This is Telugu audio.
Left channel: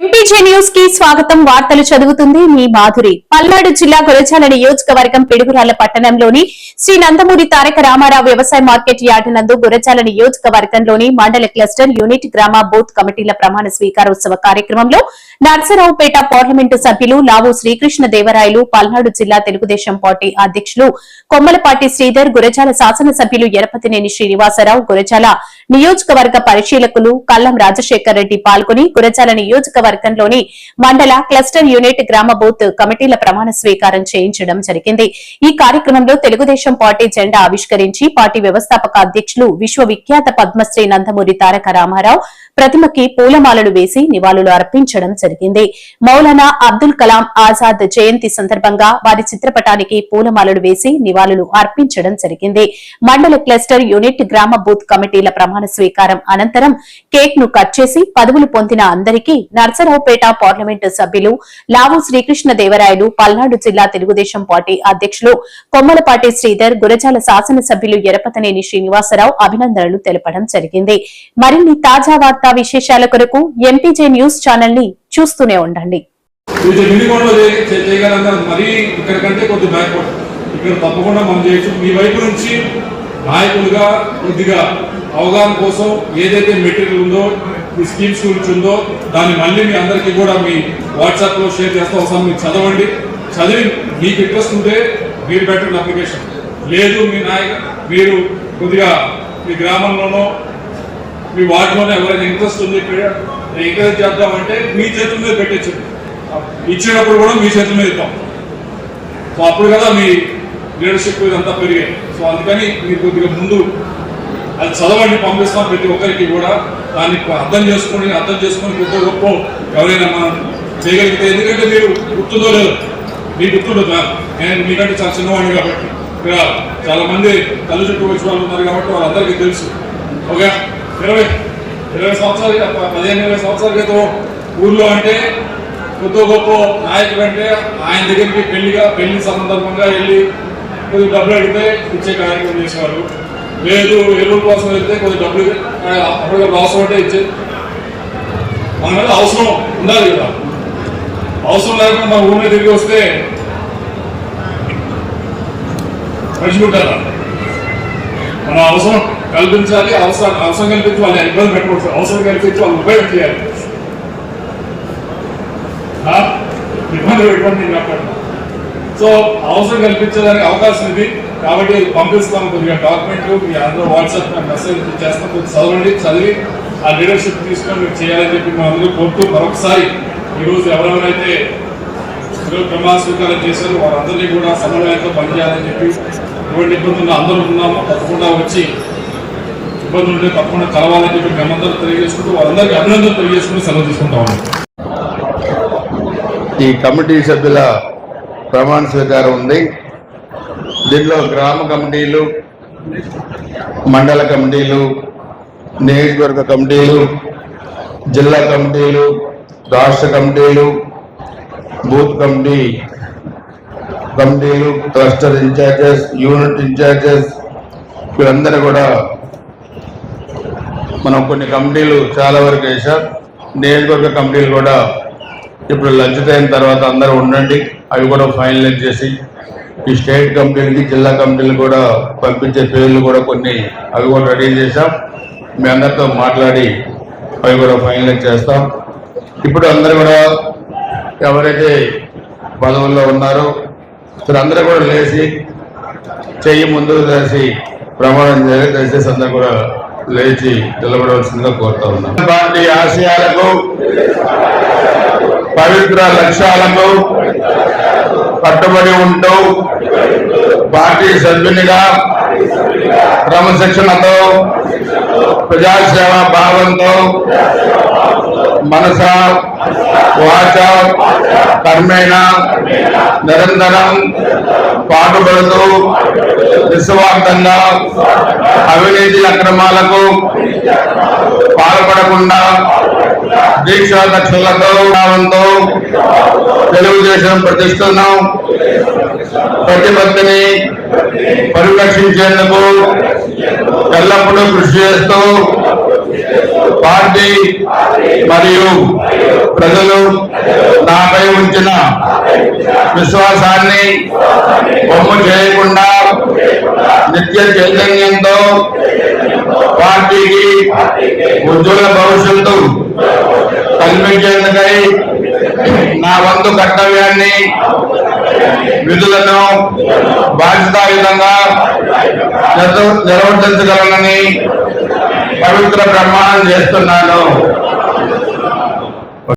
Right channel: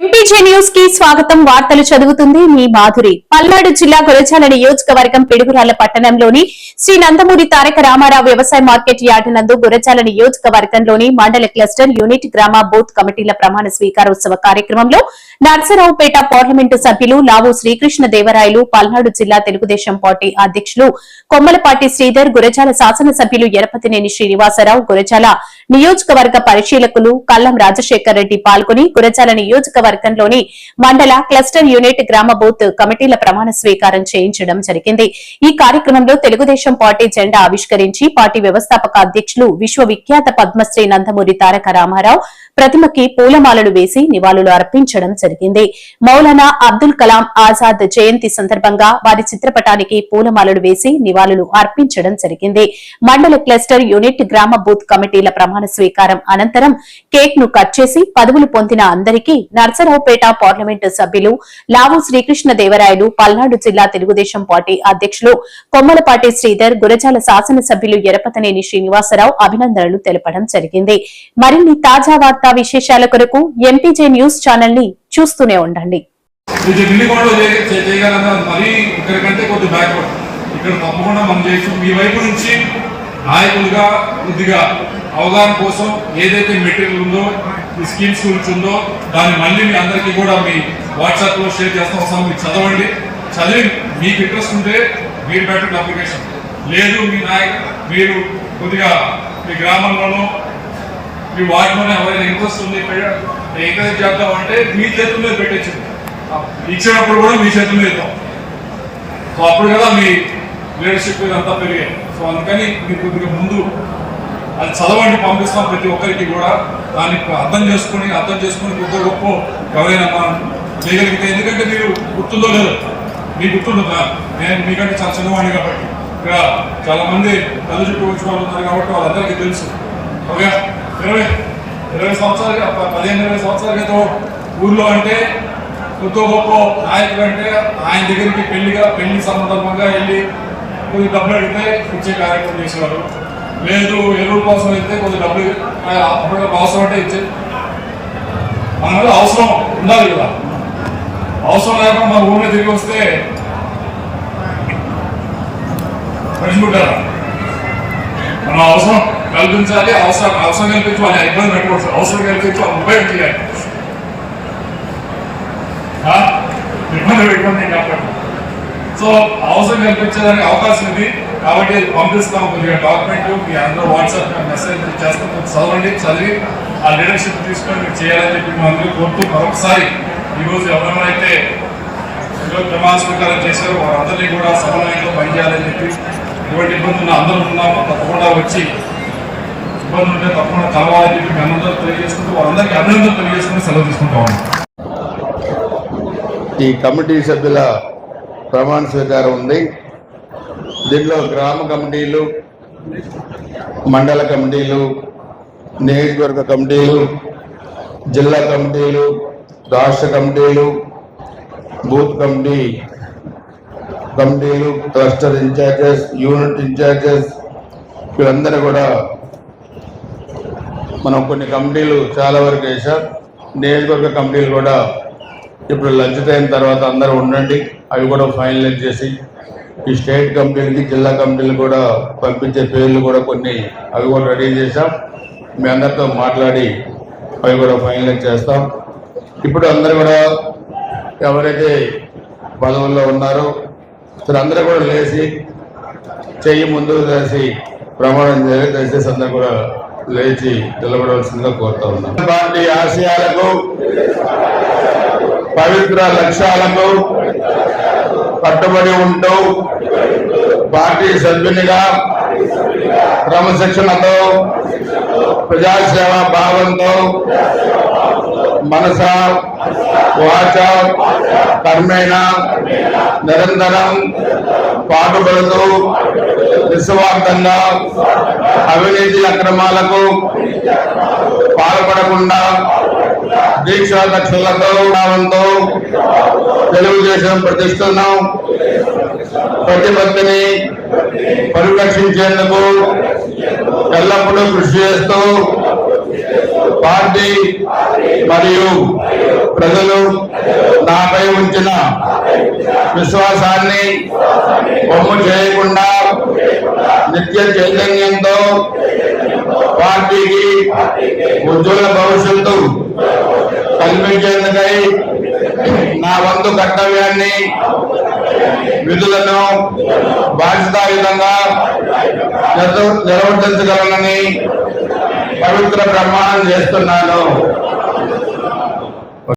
ఎంపీజే న్యూస్ కి స్వాగతం. వార్తలు చదువుతుంది మీ మాధురి. పల్నాడు జిల్లా గురజాల నియోజకవర్గం పిడుగురాళ్ల పట్టణంలోని శ్రీ నందమూరి తారక రామారావు వ్యవసాయ మార్కెట్ యార్డు నందు గురజాల నియోజకవర్గంలోని మండల క్లస్టర్ యూనిట్ గ్రామ బూత్ కమిటీల ప్రమాణ స్వీకారోత్సవ కార్యక్రమంలో నర్సరావుపేట పార్లమెంటు సభ్యులు లావు శ్రీకృష్ణ దేవరాయలు, పల్నాడు జిల్లా తెలుగుదేశం పార్టీ అధ్యకులు కొమ్మలపాటి శ్రీధర్, గురజాల శాసనసభ్యులు ఎరపతినేని శ్రీనివాసరావు, గురజాల నియోజకవర్గ పరిశీలకులు కల్లం రాజశేఖర్ రెడ్డి పాల్గొని గురజాల నియోజకవర్గంలోని మండల క్లస్టర్ యూనిట్ గ్రామ బూత్ కమిటీల ప్రమాణ స్వీకారం చేయించడం జరిగింది. ఈ కార్యక్రమంలో తెలుగుదేశం పార్టీ జెండా ఆవిష్కరించి పార్టీ వ్యవస్థాపక అధ్యకులు విశ్వవిఖ్యాత పద్మశ్రీ నందమూరి తారక రామారావు ప్రతిమకి పూలమాలలు వేసి నివాళులు అర్పించడం జరిగింది. మౌలానా అబ్దుల్ కలాం ఆజాద్ జయంతి సందర్భంగా వారి చిత్రపటానికి పూలమాలలు వేసి నివాళులు అర్పించడం జరిగింది. మండల క్లస్టర్ యూనిట్ గ్రామ బూత్ కమిటీల ప్రమాణ స్వీకారం అనంతరం కేక్ ను కట్ చేసి పదవులు పొందిన అందరికీ నర్సరావుపేట పార్లమెంటు సభ్యులు లావు శ్రీకృష్ణ దేవరాయలు, పల్నాడు జిల్లా తెలుగుదేశం పార్టీ అధ్యకులు కొమ్మలపాటి శ్రీధర్, గురజాల శాసనసభ్యులు ఎరపతినేని శ్రీనివాసరావు అభినందనలు తెలపడం జరిగింది. మరిన్ని తాజా వార్తా విశేషాల కొరకు ఎంపీజే న్యూస్ ఛానల్ ని చూస్తూనే ఉండండి. నాయకులుగా కొద్దిగా అవగాహన కోసం ఏదైతే మెటీరియల్ ఉందో, ఈ స్కీమ్స్ గురించి ఉందో దాన్ని మళ్ళీ మీ అందరికీ కూడా మీ వాట్సాప్ లో షేర్ చేస్తాం. ఒకసారి మీరు చదవండి. చదివి మీకు ఇంట్రెస్ట్ ఉంటే మీరు పెట్టండి అప్లికేషన్. లేదు మీరు కొద్దిగా మీ గ్రామంలోనో మీ వార్డులోనో ఎవరైనా ఇంట్రెస్ట్ ఉంది ఎంకరేజ్ చేద్దామంటే మీ చేతుల మీద పెట్టచ్చు. ఇచ్చినప్పుడు కూడా మీ చేతుల మీద ఇద్దాం. సో అప్పుడు కదా మీ లీడర్షిప్ ఇదంతా పెరిగాయి. సో అందుకని మీరు కొద్దిగా ముందు అది చదవండి, పంపిస్తాం ప్రతి ఒక్కరికి కూడా. దాన్ని అర్థం చేసుకుని కొద్ది గొప్ప ఎవరైనా మనం చేయగలిగితే, ఎందుకంటే మీరు గుర్తుందో లేదో మీకు గుర్తుండదు. నేను మీకంటే చాలా చిన్నవాడిని కాబట్టి ఇక్కడ చాలా మంది తల్లి చుట్టూ వచ్చిన వాళ్ళు ఉన్నారు కాబట్టి వాళ్ళందరికీ తెలుసు. ఓకే, 20 సంవత్సరాలు 15-20 సంవత్సరాల క్రితం ఊర్లో అంటే కొద్ది గొప్ప నాయకులు అంటే ఆయన దగ్గరికి పెళ్లి సందర్భంగా వెళ్ళి కొద్ది డబ్బులు అడిగితే ఇచ్చే కార్యక్రమం చేసేవారు. లేదు ఎరువుల కోసం వెళ్తే కొద్ది డబ్బులు అప్పుడు అవసరం అంటే ఇచ్చే. మన మీద అవసరం ఉండాలి కదా. అవసరం లేకుండా మన ఊళ్ళో తిరిగి వస్తే మర్చిపోతారా? మనం అవసరం కల్పించాలి. అవసరం కల్పించి వాళ్ళు ఇబ్బంది పెట్టకూడదు. అవసరం కల్పించి వాళ్ళు ఉపయోగం చేయాలి. ఇబ్బంది పెట్టుకోండి కాబట్టి. సో అవసరం కల్పించడానికి అవకాశం ఇది కాబట్టి పంపిస్తాం. కొద్దిగా డాక్యుమెంట్ మీ అందరూ వాట్సాప్ మెసేజ్ చేస్తాం. చదవండి, చదివి ఆ లీడర్షిప్ తీసుకొని మీరు చేయాలని చెప్పి మేము అందరూ కోరుతూ ఒకసారి ఈరోజు ఎవరెవరైతే ప్రమాణ స్వీకారం చేశారో వారందరినీ కూడా సమన్వయంతో పనిచేయాలని చెప్పి, ఎటువంటి ఇబ్బందులు అందరూ ఉన్నాము తప్పకుండా వచ్చి ఇబ్బంది ఉంటే తప్పకుండా కలవాలని చెప్పి మేమందరూ తెలియజేసుకుంటూ వారందరికీ అభినందనలు తెలియజేసుకుంటూ సెలవు తీసుకుంటాము. ఈ కమిటీ సభ్యుల ప్రమాణ స్వీకారం ఉంది. దీంట్లో గ్రామ కమిటీలు, మండల కమిటీలు, నియోజకవర్గ కమిటీలు, జిల్లా కమిటీలు, రాష్ట్ర కమిటీలు, బూత్ కమిటీలు, క్లస్టర్ ఇన్ఛార్జెస్, యూనిట్ ఇన్ఛార్జెస్, వీళ్ళందరూ కూడా మనం కొన్ని కమిటీలు చాలా వరకు వేసాం. నియోజకవర్గ కమిటీలు కూడా ఇప్పుడు లంచ్ టైం తర్వాత అందరూ ఉండండి, అవి కూడా ఫైనలైజ్ చేసి ఈ స్టేట్ కమిటీలకి, జిల్లా కమిటీలు కూడా పంపించే పేర్లు కూడా కొన్ని అవి కూడా రెడీ చేశాం. మీ అందరితో మాట్లాడి అవి కూడా ఫైనలైజ్ చేస్తాం. ఇప్పుడు అందరూ కూడా ఎవరైతే పదవుల్లో ఉన్నారో అందరూ కూడా లేచి చెయ్యి ముందుకు వేసి ప్రమాణం దయచేసి అందరూ కూడా లేచి నిలబడవలసిందిగా కోరుతా ఉన్నాం. పార్టీ ఆశయాలకు, పవిత్ర లక్ష్యాలకు కట్టుబడి ఉంటూ పార్టీ సభ్యునిగా క్రమశిక్షణతో, ప్రజాసేవా భావంతో మనస వాచ కర్మేణ నిరంతరం పాటుపడుతూ నిస్వార్థంగా అవినీతి అక్రమాలకు పాల్పడకుండా దీక్షా దక్షలతో తెలుగుదేశం ప్రతిష్టను ప్రతిపత్తిని పరిరక్షించేందుకు ఎల్లప్పుడూ కృషి చేస్తూ పార్టీ మరియు ప్రజల నాపై ఉంచిన విశ్వాసాన్ని వమ్ము చేయకుండా నిత్య చైతన్యంతో పార్టీకి ఉజ్వల భవిష్యత్తు కల్పించేందుకై నా వంతు కర్తవ్యాన్ని విధులను బాధ్యతాయుతంగా నిర్వర్తించగలనని పవిత్ర ప్రమాణం చేస్తున్నాను.